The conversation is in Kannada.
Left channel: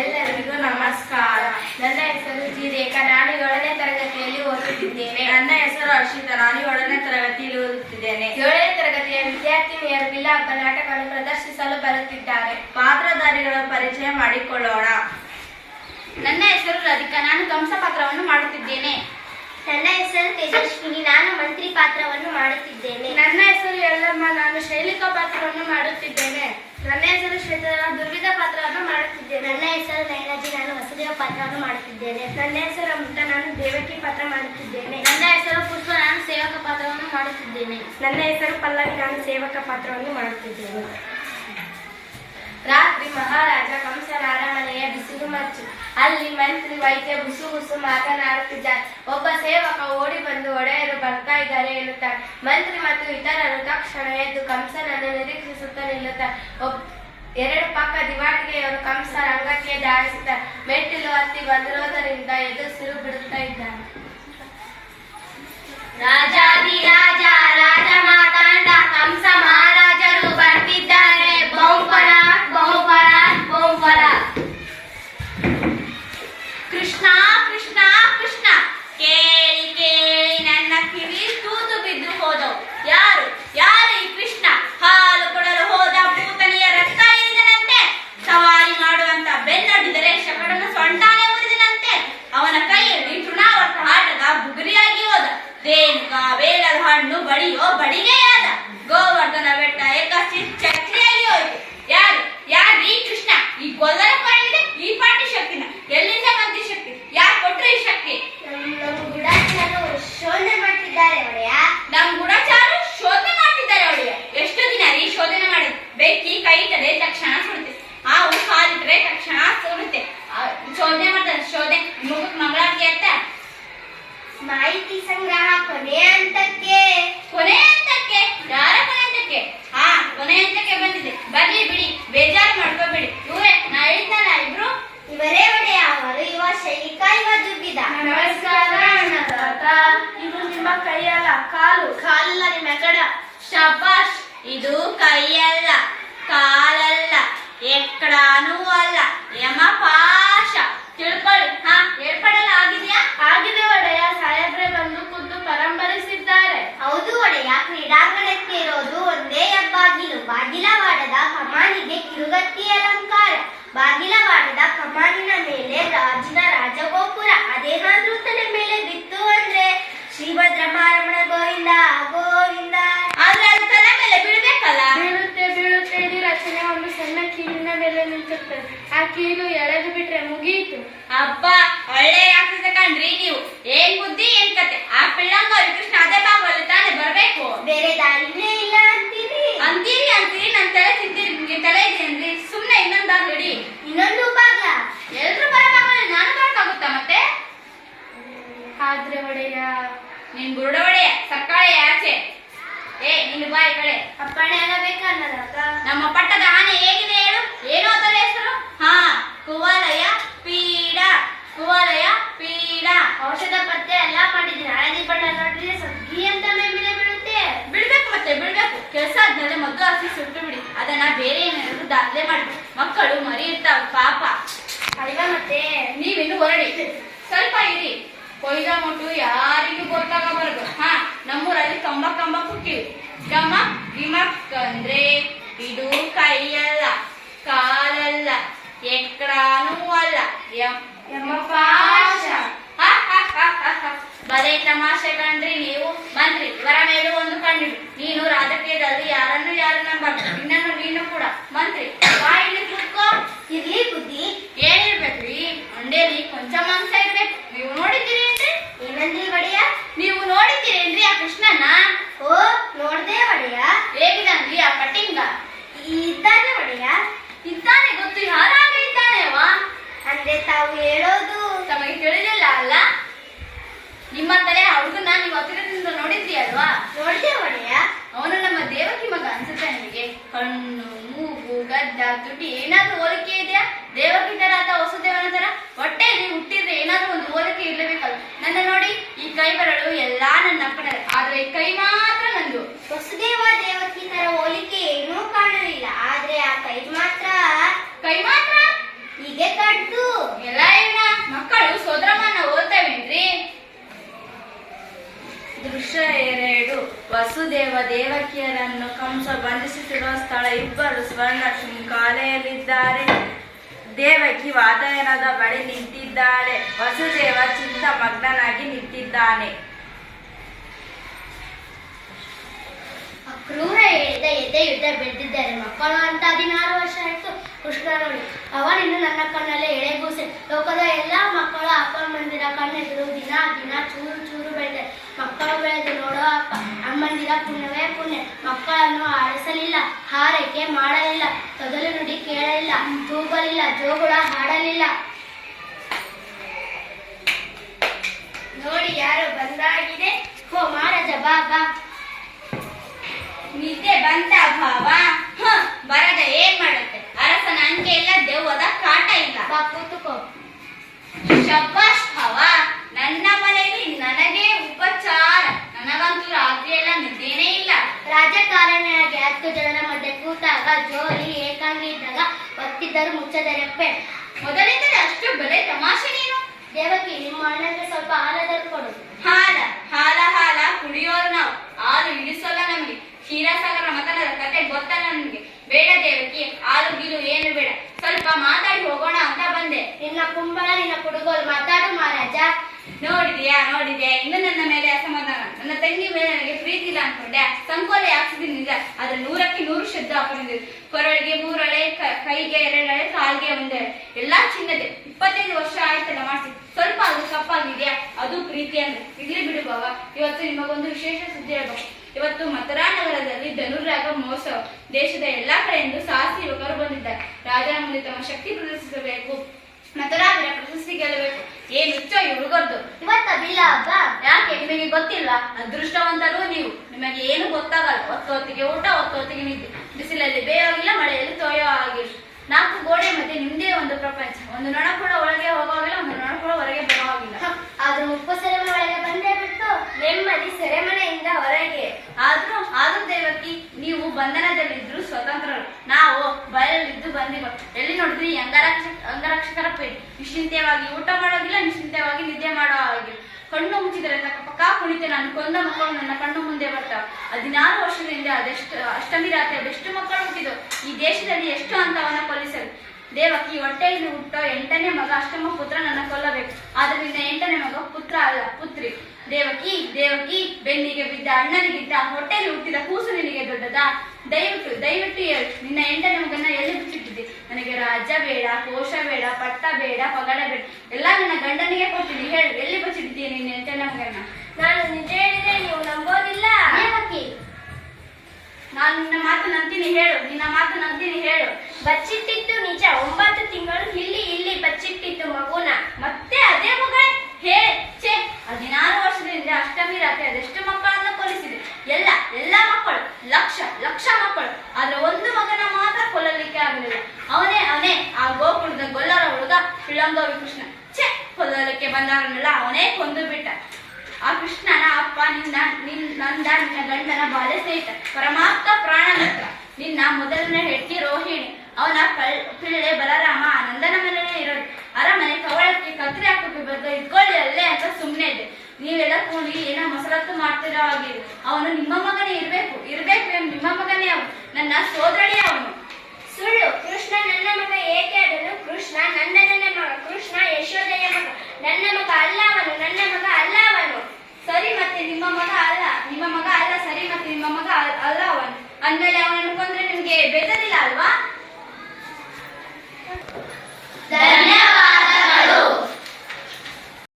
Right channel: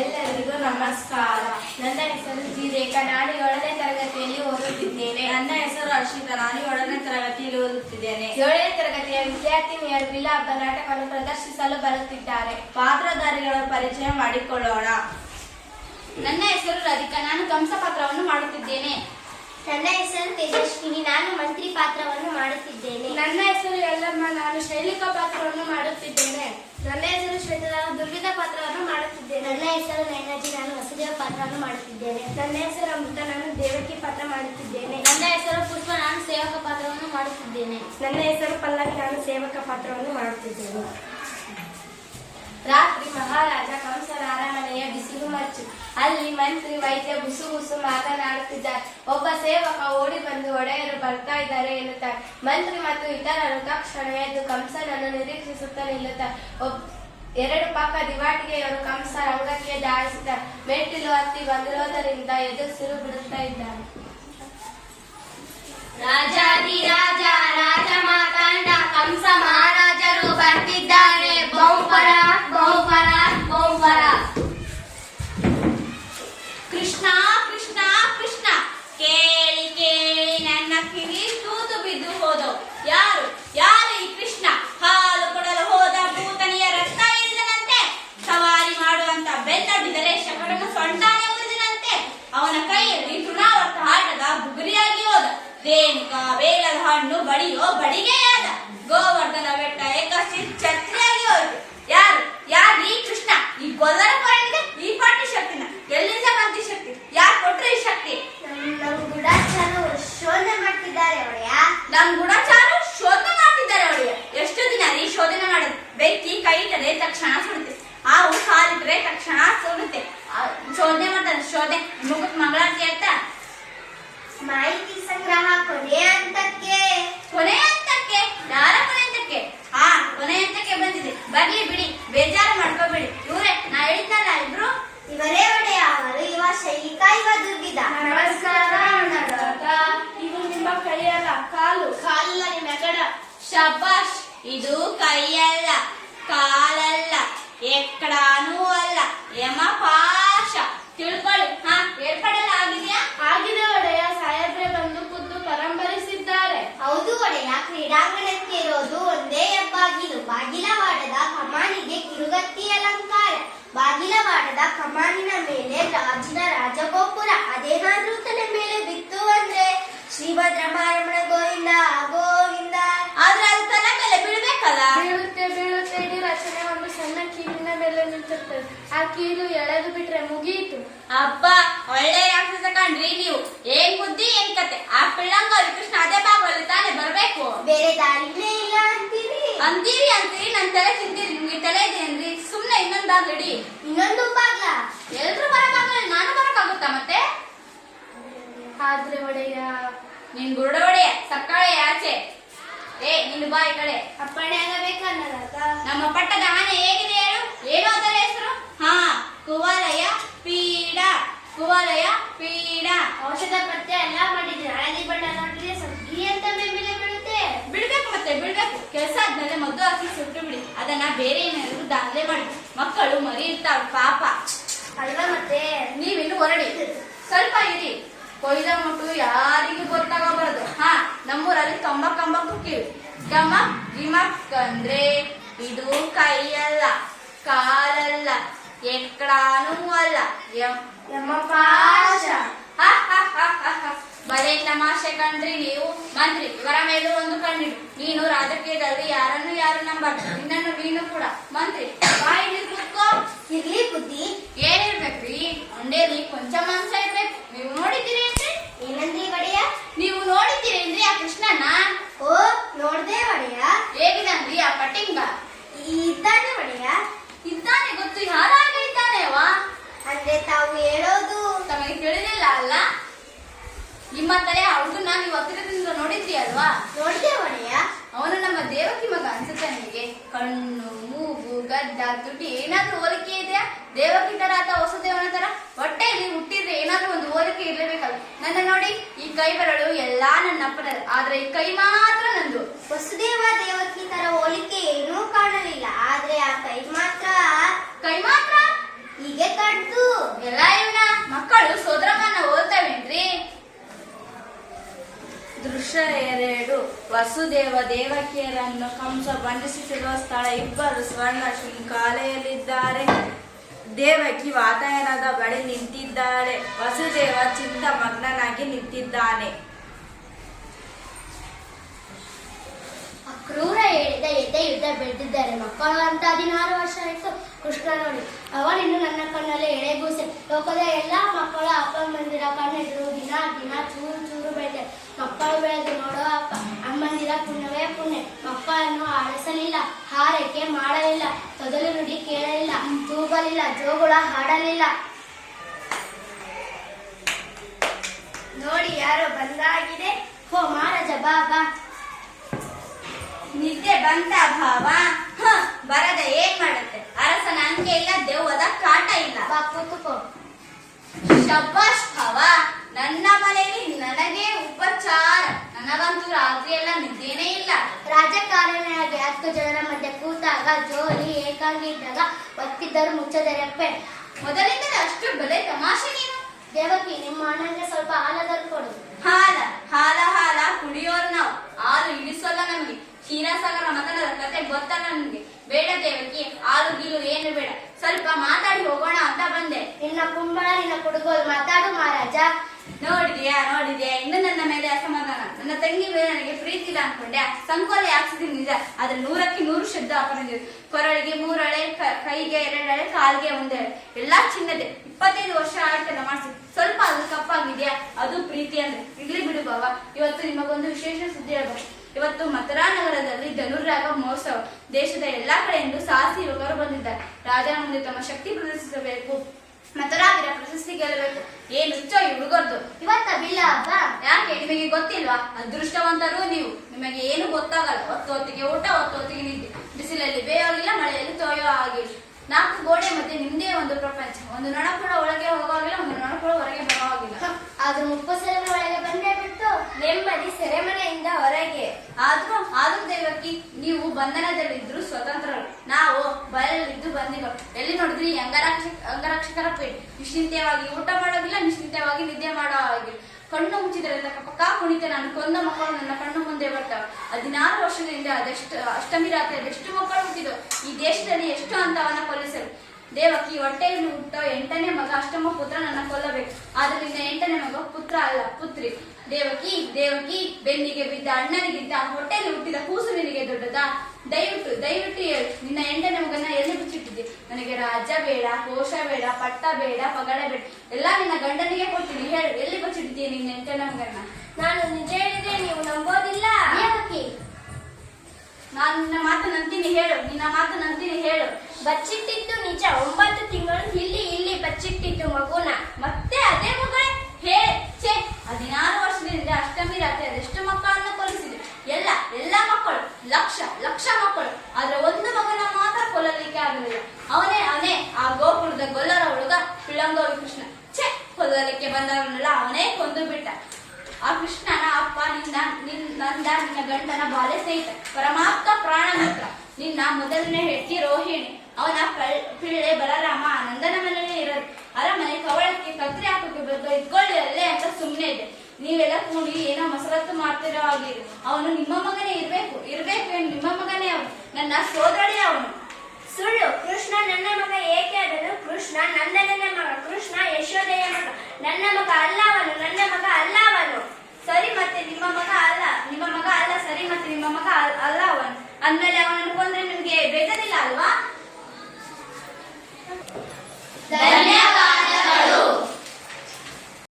ಎಲ್ಲರಿಗೂ ನಮಸ್ಕಾರ. ನನ್ನ ಹೆಸರು ಜಿ ರೇಖಾ. ನಾನು 7ನೇ ತರಗತಿಯಲ್ಲಿ ಓದುತ್ತಿದ್ದೇನೆ. ನನ್ನ ಹೆಸರು ಹರ್ಷಿತಾ. ನಾನು 7ನೇ ತರಗತಿಯಲ್ಲಿ ಓದುತ್ತಿದ್ದೇನೆ. 7ನೇ ತರಗತಿಯ ವಿದ್ಯಾರ್ಥಿನಿಯರು ಬಿಲ್ಲ ಹಬ್ಬ ನಾಟಕವನ್ನು ಪ್ರದರ್ಶಿಸಲು ಬರುತ್ತಿದ್ದಾರೆ. ಪಾತ್ರಧಾರಿಗಳ ಪರಿಚಯ ಮಾಡಿಕೊಳ್ಳೋಣ. ನನ್ನ ಹೆಸರು ರಾಧಿಕಾ. ನಾನು ಕಂಸ ಪಾತ್ರವನ್ನು ಮಾಡುತ್ತಿದ್ದೇನೆ. ನನ್ನ ಹೆಸರು ತೇಜಸ್ವಿನಿ. ನಾನು ಮಂತ್ರಿ ಪಾತ್ರವನ್ನು ಮಾಡುತ್ತಿದ್ದೇನೆ. ನನ್ನ ಹೆಸರು ಯಲ್ಲಮ್ಮ. ನಾನು ಶೈಲಿಕಾ ಪಾತ್ರವನ್ನು ಮಾಡುತ್ತಿದ್ದೇನೆ. ನನ್ನ ಹೆಸರು ಶ್ವೇತಾ. ನಾನು ದುರ್ವಿಧ ಪಾತ್ರವನ್ನು ಮಾಡುತ್ತಿದ್ದೇನೆ. ನನ್ನ ಹೆಸರು ನೈರಾಜಿ. ನಾನು ವಸುದೇವ ಪಾತ್ರವನ್ನು ಮಾಡುತ್ತಿದ್ದೇನೆ. ನನ್ನ ಹೆಸರು ಅಮೃತ. ನಾನು ದೇವಕಿ ಪಾತ್ರ ಮಾಡುತ್ತಿದ್ದೇನೆ. ನನ್ನ ಹೆಸರು ಪುಷ್ಪ. ನಾನು ಸೇವಕ ಪಾತ್ರವನ್ನು ಮಾಡುತ್ತಿದ್ದೇನೆ. ನನ್ನ ಹೆಸರು ಪಲ್ಲವಿ. ನಾನು ಸೇವಕ ಪಾತ್ರವನ್ನು ಮಾಡುತ್ತಿದ್ದೇನೆ. ರಾತ್ರಿ ಮಹಾರಾಜ ಕಂಸನ ಅರಮನೆಯ ಬಿಸಿಲು ಮಚ್ಚು. ಅಲ್ಲಿ ಮಂತ್ರಿ ವೈದ್ಯ ಬುಸು ಬುಸು ಮಾತನಾಡುತ್ತಿದ್ದಾರೆ. ಒಬ್ಬ ಸೇವಕ ಓಡಿ ಬಂದು ಒಡೆಯರು ಬರ್ತಾ ಇದ್ದಾರೆ ಎನ್ನುತ್ತಾರೆ. ಮಂತ್ರಿ ಮತ್ತು ಇತರರು ತಕ್ಷಣ ಎದ್ದು ಕಂಸನನ್ನು ನಿರೀಕ್ಷಿಸುತ್ತಾ ನಿಲ್ಲುತ್ತಾರೆ. ಎರಡು ಪಕ್ಕ ದಿವಾಟಿಗೆಯವರು ಕಂಸ ರಂಗಕ್ಕೆ ಧಾವಿಸುತ್ತಾರೆ. ಮೆಟ್ಟಿಲು ಹತ್ತಿ ಬಂದಿರೋದರಿಂದ ಎದುರು ಬಿಡುತ್ತಾ ಇದ್ದಾರೆ. ರಾಜಾಧಿರಾಜ ರಾಜ ಮಾತಾಂಡ ಕಂಸ ಮಹಾರಾಜರು ಬರ್ತಿದ್ದಾರೆ. ಬಹುಪರ ಬಹುಪರ ಬಹುಪರ. ಕೃಷ್ಣ ಕೃಷ್ಣ ಕೃಷ್ಣ ಕೇಳಿ ಕೇಳಿ ನನ್ನ ಕಿವಿ ತೂತು ಬಿದ್ದು ಹೋದವು. ಯಾರು ಯಾರು ಈ ಕೃಷ್ಣ? ಹಾಲು ಕೊಡಲು ಹೋದ ಭೂತನಿಯ ರಕ್ತ ಇರಿದನಂತೆ. ಸವಾರಿ ಮಾಡುವಂತ ಬೆನ್ನಡಿದರೆ ಶಕಡನ ಸೊಂಟಾನೆ ಮುರಿದಿನಂತೆ. ಅವನ ಕೈಯಲ್ಲಿ ತೃಣಾವರ್ತ ಆಟದ ಬುಗುರಿಯಾಗಿ ಹೋದ. ದೇನುಕ ಬೇಲದ ಹಣ್ಣು ಬಡಿಯೋ ಬಡಿಗೆಯಾದ. ಗೋವರ್ಧನ ಬೆಟ್ಟ ಏಕಶ್ರೀ ಛತ್ರಿಯಾಗಿ ಹೋಯಿತು. ಯಾರು ಯಾರು ಈ ಕೃಷ್ಣ? ಈ ಗೊಲ್ಲರ ಕೊರಳಿಗೆ ಈ ಪಾಟಿ ಶಕ್ತಿನ ಎಲ್ಲಿಂದ ಬಂದ ಶಕ್ತಿ? ಯಾರು ಕೊಟ್ರು ಈ ಶಕ್ತಿ? ನಮ್ಮ ಗುಡಾಚಾರು ಶೋಧನೆ ಮಾಡ್ತಿದ್ದಾರೆ ಒಡೆಯ. ನಮ್ ಗುಡಚಾರು ಶೋಧನೆ ಮಾಡ್ತಿದ್ದಾರೆ ಒಡೆಯ. ಎಷ್ಟು ದಿನ ರೀ ಶೋಧನೆ ಮಾಡಿದ್? ಬೆಂಕಿ ಕೈ ಇಟ್ಟರೆ ತಕ್ಷಣ ಸುಡುತ್ತೆ. ಹಾವು ಕಾಲಿಟ್ರೆ ತಕ್ಷಣ ಸುಡುತ್ತೆ. ಶೋಧನೆ ಮಾಡ್ತಾರೆ. ಶೋಧನೆ ಮುಗುತ್ ಮಂಗಳಾರತಿ ಆಯ್ತಾ? ಮಾಹಿತಿ ಸಂಗ್ರಹ ಕೊನೆಯ ಹಂತಕ್ಕೆ. ಕೊನೆಯ ಹಂತಕ್ಕೆ? ಯಾರ ಕೊನೆ ಹಂತಕ್ಕೆ? ಕೊನೆ ಹಂತಕ್ಕೆ ಬಂದಿದೆ. ಬರ್ಲಿ ಬಿಡಿ, ಬೇಜಾರು ಮಾಡ್ಕೋಬೇಡಿ. ಇವ್ರೆ ನಾ ಹೇಳಿದ್ನಲ್ಲ ಇಬ್ರು ಇವರೇ ಒಡೆಯ. ಅವರು ಇವ ಶೈಲಿಕಾ, ಇವ ದುರ್ವಿಧ. ನಮಸ್ಕಾರ ಅನ್ನದಾತ. ಇದು ನಿಮ್ಮ ಕೈಯಲ್ಲ, ಕಾಲು. ಕಾಲಲ್ಲ ನಿಮ್ಮ ಕಡ. ಶಬಾಷ್. ಇದು ಕೈಯಲ್ಲ, ಕಾಲಲ್ಲ, ಎಕ್ಕಡಾನೂ ಅಲ್ಲ, ಯಮಪಾಶ. ತಿಳ್ಕೊಳ್ಳಿ. ಏರ್ಪಡಲ್ಲ ಆಗಿದೆಯಾ? ಆಗಿದೆ ಒಡೆಯ. ಸಾಹೇಬ್ರೆ ಬಂದು ಖುದ್ದು ಪರಂಪರಿಸಿದ್ದಾರೆ. ಹೌದು ಒಡೆಯ. ಕ್ರೀಡಾಂಗಣಕ್ಕೆ ಇರೋದು ಒಂದೇ ಹೆಬ್ಬಾಗಿಲು. ಬಾಗಿಲವಾಡದ ಕಮಾನಿಗೆ ಕಿರುಗತ್ತಿ ಅಲಂಕಾರ. ಬಾಗಿಲವಾಡದ ಕಮಾನಿನ ಮೇಲೆ ರಾಜಿನ ರಾಜಗೋಪುರ. ಅದೇನಾದ್ರೂ ತಲೆ ಮೇಲೆ ಬಿತ್ತು ಅಂದ್ರೆ ಶ್ರೀಭದ್ರಮಾರಮಣ ಗೋವಿಂದ ಗೋವಿಂದ. ಆದ್ರೆ ಅದು ತಲೆ ಮೇಲೆ ಬೀಳ್ಬೇಕಲ್ಲ. ಬೀಳುತ್ತೆ ಬೀಳುತ್ತೆ. ಇಡೀ ರಚನೆ ಒಂದು ಸಣ್ಣ ಕೀಲಿನ ಮೇಲೆ ನಿಂತಿರ್ತದೆ. ಆ ಕೀಲು ಎಳೆದು ಬಿಟ್ರೆ ಮುಗಿಯಿತು. ಹಬ್ಬ ಒಳ್ಳೆ ರಾಕ್ಷಸ ಕಣ್ರಿ ನೀವು. ಏನ್ ಬುದ್ಧಿ ಏನ್ ಕತೆ. ಆ ಪಿಳ್ಳಂಗ ಕೃಷ್ಣ ಅದೇ ಬಾಬಲ್ಲಿ ತಾನೇ ಬರ್ಬೇಕು. ಬೇರೆ ದಾರಿನೇ ಇಲ್ಲ ಅಂತೀರಿ. ಅಂತೀರಿ ನನ್ ತಲೆ ಚಿಂತೀರಿ. ನಿಮ್ಗೆ ತಲೆ ಇದೆಯನ್ರಿ? ಸುಮ್ನೆ ಇನ್ನೊಂದ್ ಬಾಗ್ ಇಡಿ. ಇನ್ನೊಂದು ಭಾಗ. ಎಲ್ರು ಬರಕ್ಕಾಗಲ್ಲ, ನಾನು ಬರಕ್ಕಾಗುತ್ತಾ ಮತ್ತೆ? ಆದ್ರೆ ಒಡೆಯ. ನಿನ್ ಬುರುಡ ಒಡೆಯ ಸಕ್ಕಳೆ ಆಚೆ. ನಿನ್ನ ಬಾಯಿ ಕಡೆ. ಅಪ್ಪಣೆ ಆಗಬೇಕನ್ನದಾತ. ನಮ್ಮ ಪಟ್ಟದ ಆನೆ ಹೇಗಿದೆ ಹೇಳು? ಏನು ಅದರ ಹೆಸರು? ಕುವಲಯ ಪೀಡ. ಕುವಲಯ ಪೀಡ. ಔಷಧ ಪತ್ತೆ ಎಲ್ಲ ಮಾಡಿದ್ರೆ ಹಳದಿ ಬಣ್ಣ ನೋಡಿದ್ರೆ ಸದ್ದಿ ಅಂತ ಮೇಲೆ ಬೀಳುತ್ತೆ. ಬಿಡ್ಬೇಕು ಮತ್ತೆ ಬಿಡ್ಬೇಕು. ಕೆಲಸ ಆದ್ಮೇಲೆ ಮದ್ದು ಹಾಕಿ ಸುಟ್ಟು ಬಿಡಿ. ಅದನ್ನ ಬೇರೆ ಏನಾದ್ರು ದಾಖಲೆ ಮಾಡಿ. ಮಕ್ಕಳು ಮರಿ ಇರ್ತಾವ ಪಾಪ ಅಲ್ವಾ ಮತ್ತೆ. ನೀವಿನ್ನು ಹೊರಡಿ. ಸ್ವಲ್ಪ ಇರಿ. ಕೊಯ್ದ ಮೊಟ್ಟು ಯಾರಿಗೂ ಗೊತ್ತಾಗಬಾರದು. ನಮ್ಮೂರಲ್ಲಿ ಕಂಬ ಕಂಬ ಕುಕ್ಕಿವಿ. ಗಮಕ್ ಗಿಮಕ್ ಅಂದ್ರೆ ಇದು ಕೈಯಲ್ಲ, ಕಾಲಲ್ಲ, ಎಕ್ಕಡಾನೂ ಅಲ್ಲ, ಯಮಪಾಶ. ಬರೇ ತಮಾಷೆ ಕಣ್ರಿ ನೀವು. ಮಂತ್ರಿ ಇವರ ಮೇಲೂ ಒಂದು ಕಣ್ಣಿಡು. ನೀನು ರಾಜಕೀಯದಲ್ಲಿ ಯಾರನ್ನು ಯಾರು ನಂಬಾರ್ದು. ನಿನ್ನನ್ನು ನೀನು ಕೂಡ. ಮಂತ್ರಿ ಬಾಯಿಲಿ ಕೂತ್ಕೋ. ಇರ್ಲಿ ಬುದ್ಧಿ. ಏನಿರ್ಬೇಕ್ರಿ? ಮಂಡೇಲಿ ಕೊಂಚ ಮಾಂಸ ಇರ್ಬೇಕು. ನೀವು ನೋಡಿದ್ದೀರಿ ಏನ್ರಿ? ಏನಂದ್ರಿ ಒಡೆಯ? ನೀವು ನೋಡಿದ್ದೀರೇನ್ರಿ ಆ ಕೃಷ್ಣನ? ಓ ನೋಡ್ದೆ ಒಡೆಯ. ಹೇಗಿದ್ದಾನ್ರಿ ಆ ಪಟ್ಟಿಂಗ? ಇದ್ದಾನೆ ಒಡೆಯ. ಇದ್ದಾನೆ ಗೊತ್ತು. ಯಾರಾಗ ಇದ್ದಾನೆ ಅವ? ಅಂದ್ರೆ ತಾವು ಹೇಳೋದು ತಮಗೆ ತಿಳಿಲಿಲ್ಲ ಅಲ್ಲ? ನಿಮ್ಮ ತಲೆ ಹುಡುಗನ ನೀವು ಹತ್ತಿರದಿಂದ ನೋಡಿದ್ರಿ ಅಲ್ವಾ? ನೋಡ್ದೆ ಒಡೆಯ. ಅವನು ನಮ್ಮ ದೇವಕಿ ಮಗ ಅನ್ಸುತ್ತೆ ನಿಮಗೆ. ಕಣ್ಣು, ಮೂಗು, ಗಡ್ಡ, ತುಟಿ ಏನಾದ್ರೂ ಹೋಲಿಕೆ ಇದೆಯಾ? ದೇವಕಿ ತರ ಅಥವಾ ವಸುದೇವನ ತರ? ಹೊಟ್ಟೆಯಲ್ಲಿ ಹುಟ್ಟಿದ್ರೆ ಏನಾದ್ರೂ ಒಂದು ಹೋಲಿಕೆ ಇರ್ಲೇಬೇಕಲ್ಲ. ನನ್ನ ನೋಡಿ, ಈ ಕೈ ಬೆರಳು ಎಲ್ಲಾ ನನ್ನ ಅಪ್ಪನದು, ಆದ್ರೆ ಈ ಕೈ ಮಾತ್ರ ನಂದು. ವಸುದೇವ ದೇವಕಿ ತರ ಹೋಲಿಕೆ ಏನೂ ಕಾಣಲಿಲ್ಲ. ಆದ್ರೆ ಆ ಕೈ ಮಾತ್ರ ಕೈ ಮಾತ್ರ ಹೀಗೆ ಕಡ್ದು 2 ವಸುದೇವ ದೇವಕಿಯರನ್ನು ಕಂಸ ಬಂಧಿಸುತ್ತಿರುವ ಸ್ಥಳ. ಇಬ್ಬರು ಸ್ವರ್ಣ ಶೃಂಖಲೆಯಲ್ಲಿದ್ದಾರೆ. ದೇವಕಿ ವಾತಾಯನದ ಬಳಿ ನಿಂತಿದ್ದಾಳೆ. ವಸುದೇವ ಚಿಂತಮಗ್ನನಾಗಿ ನಿಂತಿದ್ದಾನೆ. ಕ್ರೂರ ಹೇಳಿದ ಎದೆ ಯುದ್ಧ ಬೆಳೆದಿದ್ದಾರೆ ಮಕ್ಕಳು ಅಂತ 16 ವರ್ಷ ಆಯ್ತು ಕೃಷ್ಣ ನೋಡಿ. ಅವನಿನ್ನು ನನ್ನ ಕಣ್ಣಲ್ಲೇ ಎಳೆಗೂಸೆ. ಲೋಕದ ಎಲ್ಲಾ ಮಕ್ಕಳು ಅಪ್ಪನ ಮಂದಿರ ಕಣ್ಣೆದುರು ದಿನ ದಿನ ಚೂರು ಚೂರು ಬೆಳೆದ ಮಕ್ಕಳು ಬೆಳೆದು ನೋಡೋ ಅಪ್ಪ ಅಮ್ಮಂದಿರ ಪುಣ್ಯವೇ ಪುಣ್ಯ. ಮಕ್ಕಳನ್ನು ಆಡಿಸಲಿಲ್ಲ, ಹಾರೈಕೆ ಮಾಡಲಿಲ್ಲ, ತೊದಲು ನುಡಿ ಕೇಳಲಿಲ್ಲ, ತೂಗಲಿಲ್ಲ, ಜೋಗುಳ ಹಾಡಲಿಲ್ಲ. ನೋಡಿ ಯಾರು ಬಂದಾಗಿದೆ. ಹೋ ಮಹಾರಾಜ ಬಾ ಬಾ. ನಿದ್ದೆ ಬಂತ ಭಾವ? ಬರದ ಏನ್ ಮಾಡುತ್ತೆ? ಅರಸನ ಅಂಕೆ ಇಲ್ಲ, ದೆವ್ವದ ಕಾಟ ಇಲ್ಲ. ಬಾ ಕೂತುಕೋ. ಶಬ್ಬಾಷ್ ಭಾವ, ನನ್ನ ಮನೆಯಲ್ಲಿ ನನಗೆ ಉಪಚಾರ. ನನಗಂತೂ ರಾತ್ರಿ ಎಲ್ಲ ನಿದ್ದೇನೇ ಇಲ್ಲ. ರಾಜಕಾರಣಿಯಾಗಿ 10 ಜನರ ಮಧ್ಯೆ ಕೂತಾಗ ಜೋಲಿ ಏಕಾಂಗಿ ಇದ್ದಾಗ ಒತ್ತಿದ್ದರು ಮುಚ್ಚದ ರೆಪ್ಪೆ. ಮೊದಲಿಂದಲೇ ಅಷ್ಟು ಬಲೆ ತಮಾಷೆ ನೀನು. ದೇವಕಿ ನಿಮ್ಮ ಅಣ್ಣನಿಗೆ ಸ್ವಲ್ಪ ಹಾಲಾದರೂ ಕೊಡು. ಹಾಲ ಹಾಲ ಹಾಲ ಕುಡಿಯೋರು ನಾವು, ಹಾಲು ಇಳಿಸೋಲ್ಲ ನಮಗೆ. ಕ್ಷೀರಸಾಗರ ಮತನದ ಕತೆ ಗೊತ್ತಲ್ಲ ನಿಮ್ಗೆ. ಬೇಡ ದೇವಕಿ, ಹಾಲು ಗೀಲು ಏನು ಬೇಡ, ಸ್ವಲ್ಪ ಮಾತಾಡಿ ಹೋಗೋಣ ಅಂತ ಬಂದೆ. ನಿನ್ನ ಕುಂಬಳ ನಿನ್ನ ಕುಡುಗೋಲು ಮಾತಾಡು ಮಹಾರಾಜ. ನೋಡಿದ್ಯಾ ಇನ್ನು ನನ್ನ ಮೇಲೆ ಅಸಮಾಧಾನ. ನನ್ನ ತಂಗಿ ಮೇಲೆ ನನಗೆ ಪ್ರೀತಿ ಇಲ್ಲ ಅನ್ಕೊಂಡೆ. ಸಂಕೋಲ ಹಾಕ್ಸಿದೀನಿ ನಿಜ, ಆದ್ರೆ 100ಕ್ಕೆ 100 ಶಬ್ದ ಹಾಕೊಂಡಿದ್ದೀವಿ. ಕೊರಳಿಗೆ 3 ಅಳೆ, ಕೈಗೆ 2 ಅಳೆ, ಕಾಲ್ಗೆ 1 ಅಳೆ, ಎಲ್ಲಾ ಚಿನ್ನದೆ. 25 ವರ್ಷ ಆಯ್ತಲ್ಲ ಮಾಡಿಸಿ. ಸ್ವಲ್ಪ ಅದು ಕಪ್ಪಾಗಿದ್ಯಾ? ಅದು ಪ್ರೀತಿ ಅಂದ್ರೆ. ಇರ್ಲಿ ಬಿಡು ಬಾವ, ಇವತ್ತು ನಿಮಗೊಂದು ವಿಶೇಷ ಸುದ್ದಿ ಹೇಳ್ಬೇಕು. ಇವತ್ತು ಮಥುರಾ ನಗರದಲ್ಲಿ ಧನುರ್ರಾಗ ಮಹೋತ್ಸವ. ದೇಶದ ಎಲ್ಲಾ ಕಡೆಯಿಂದ ಸಾಹಸಿ ಯುವಕರು ಬಂದಿದ್ದಾರೆ. ರಾಜನ ಮುಂದೆ ತಮ್ಮ ಶಕ್ತಿ ಪ್ರದರ್ಶಿಸಬೇಕು, ಮಥುರಾವೀರ ಪ್ರಶಸ್ತಿ ಗೆಲ್ಲಬೇಕು. ಏನ್ ಹುಚ್ಚೋ ಈ ಹುಡುಗರ್ದು. ಇವತ್ತ ಬಿಲ್ಲ ಹಬ್ಬ. ಯಾಕೆ ನಿಮಗೆ ಗೊತ್ತಿಲ್ವಾ? ಅದೃಷ್ಟವಂತರು ನೀವು, ನಿಮಗೆ ಏನು ಗೊತ್ತಾಗಲ್ಲ. ಹೊತ್ತಿಗೆ ಊಟ, ಹೊತ್ತಿಗೆ ನಿದ್ದೆ. ಬಿಸಿಲಲ್ಲಿ ಬೇಯೋಗಿಲ್ಲ, ಮಳೆಯಲ್ಲಿ ತೋಯೋ ಆಗಿಲ್ಲ. 4 ಗೋಡೆ ಮಧ್ಯೆ ನಿಮ್ದೇ ಒಂದು ಪ್ರಪಂಚ. ಒಂದು ನೊಣ ಕೂಡ ಒಳಗೆ ಹೋಗೋಗಿಲ್ಲ, ಒಂದು ನೊಣ ಕೂಡ ಹೊರಗೆ ಬರೋವಾಗಿಲ್ಲ. ಆದ್ರೂ ಮುಪ್ಪು ಸೆರೆ ಒಳಗೆ ಬಂದೇ ಬಿಟ್ಟು ನೆಮ್ಮದಿ ಸೆರೆಮನೆಯಿಂದ ಹೊರಗೆ. ಆದ್ರೂ ದೇವಕಿ, ನೀವು ಬಂಧನದಲ್ಲಿದ್ರು ಸ್ವತಂತ್ರರು, ನಾವು ಬಯಲಲ್ಲಿದ್ದು ಬಂದಿರೋ. ಎಲ್ಲಿ ನೋಡಿದ್ರಿ ಅಂಗರಕ್ಷಕರ ಪೇಟೆ. ನಿಶ್ಚಿಂತೆಯಾಗಿ ಊಟ ಮಾಡೋಗಿಲ್ಲ, ನಿಶ್ಚಿಂತೆಯಾಗಿ ನಿದ್ದೆ ಮಾಡೋ ಆಗಿಲ್ಲ. ಕಣ್ಣು ಮುಚ್ಚಿದರೆ ಪಕ್ಕ ಕುಣಿತೆ ನಾನು ಕೊಂದ ಮಕ್ಕಳು ನನ್ನ ಕಣ್ಣು ಮುಂದೆ ಬರ್ತಾವೆ. 16 ವರ್ಷದಿಂದ ಅಷ್ಟಮಿ ರಾತ್ರಿ ಅದೆಷ್ಟು ಮಕ್ಕಳು ಹುಟ್ಟಿದೋ. ಈ ದೇಶದಲ್ಲಿ ಎಷ್ಟು ಅಂತವನ್ನ ಕೊಲ್ಲಿಸಲು. ದೇವಕಿ, ಹೊಟ್ಟೆಯಲ್ಲಿ ಹುಟ್ಟೋ 8ನೇ ಮಗ ಅಷ್ಟಮ ಪುತ್ರ ನನ್ನ ಕೊಲ್ಲಬೇಕು. ಆದ್ರೆ ನಿನ್ನ 8ನೇ ಮಗ ಪುತ್ರ ಅಲ್ಲ, ಪುತ್ರಿ. ದೇವಕಿ, ಬೆನ್ನಿಗೆ ಬಿದ್ದ ಅಣ್ಣನಿಗಿದ್ದ ಹೊಟ್ಟೆಯಲ್ಲಿ ಹುಟ್ಟಿದ ಕೂಸು ನಿನಗೆ ದೊಡ್ಡದಾ? ದಯವಿಟ್ಟು ಹೇಳು, ನಿನ್ನ 8ನೇ ಮಗನ ಎಲ್ಲಿ ಬಿಚ್ಚಿಟ್ಟಿದ್ದೆ? ನನಗೆ ರಾಜ್ಯ ಬೇಡ, ಕೋಶ ಬೇಡ, ಪಟ್ಟ ಬೇಡ, ಪಗಡ ಬೇಡ, ಎಲ್ಲ ನನ್ನ ಗಂಡನಿಗೆ ಕೊಡ್ತೀನಿ. ಹೇಳು, ಎಲ್ಲಿ ಬಚ್ಚಿಟ್ಟಿದ್ದೀನಿ ನಿನ್ನ 8ನೇ ಮಗನ? ನಾನು ನಿಜ ಹೇಳಿದ್ರೆ ನೀವು ನಂಬೋದಿಲ್ಲ. ದೇವಕಿ, ನಾನು ನಿನ್ನ ಮಾತು ನಂಬ್ತೀನಿ, ಹೇಳು. ನಿನ್ನ ಮಾತು ನಂಬ್ತೀನಿ, ಹೇಳು. ಬಚ್ಚಿಟ್ಟಿತ್ತು ನಿಜ. 9 ತಿಂಗಳು ಇಲ್ಲಿ ಬಚ್ಚಿಟ್ಟಿತ್ತು ಮಗುನ. ಮತ್ತೆ ಅದೇ ಮಗ? ಹೇ ಛೇ, 16 ವರ್ಷದಿಂದ ಅಷ್ಟಮಿ ರಾತ್ರಿ ಅದೆಷ್ಟು ಮಕ್ಕಳನ್ನ ಕೊಲ್ಲಿಸಿದೆ. ಎಲ್ಲ ಮಕ್ಕಳು, ಲಕ್ಷ ಮಕ್ಕಳು. ಆದ್ರೆ ಒಂದು ಮಗನ ಮಾತ್ರ ಕೊಲ್ಲಲಿಕ್ಕೆ ಆಗಲಿಲ್ಲ. ಅವನೇ ಆ ಗೋಕುಲದ ಗೊಲ್ಲರ ಹುಡುಗ ಪಿಳಂಗೋವಿ ಕೃಷ್ಣ. ಛೇ, ಕೊಲ್ಲಲಿಕ್ಕೆ ಬಂದವರನ್ನೆಲ್ಲ ಅವನೇ ಕೊಂದು ಬಿಟ್ಟ. ಆ ಕೃಷ್ಣನ ಅಪ್ಪ ನಿನ್ನ ಗಂಡನ ಬಾಲ್ಯ ಸ್ನೇಹಿತ, ಪರಮಾಪ್ತ ಪ್ರಾಣ ಮಿತ್ರ, ನಿನ್ನ ಮೊದಲನೇ ಹೆಂಡತಿ ರೋಹಿಣಿ. ಅವನ ಪಿಳ್ಳೆ ಬಲರಾಮ ನಂದನ ಮನೆಯಲ್ಲೇ ಇರೋದು. ಅರಮನೆ ಕವಳಕ್ಕೆ ಕತ್ರಿ ಹಾಕೋಕೆ ಬರ್ದು ಇಟ್ಕೊಳ್ಳಿ ಅಲ್ಲೇ ಅಂತ ಸುಮ್ಮನೆ ಇದೆ. ನೀವೆಲ್ಲ ಕೂಡಿ ಏನೋ ಮೊಸರತ್ತು ಮಾಡ್ತಿರೋ ಆಗಿಲ್ಲ. ಅವನು ನಿಮ್ಮ ಮಗನೇ ಇರ್ಬೇಕು ನಿಮ್ಮ ಮಗನೇ ಅವನು, ನನ್ನ ಸೋದರನೇ ಅವನು. ಸುಳ್ಳು. ಕೃಷ್ಣ ನನ್ನ ಮಗ ಏಕೆ ಅದನು? ಕೃಷ್ಣ ನಂದನನ ಮಗ. ಕೃಷ್ಣ ಯಶೋದೆಯ ಮಗ. ನನ್ನ ಮಗ ಅಲ್ಲ ಅವನು. ಸರಿ, ಮತ್ತೆ ನಿಮ್ಮ ಮಗ ಅಲ್ಲ. ಸರಿ, ಮತ್ತೆ ನಿಮ್ಮ ಮಗ ಅಲ್ಲ ಅವನು ಅಂದ್ಮೇಲೆ ಅವನನ್ನು ಕೊಂದ್ರೆ ನಿಮ್ಗೆ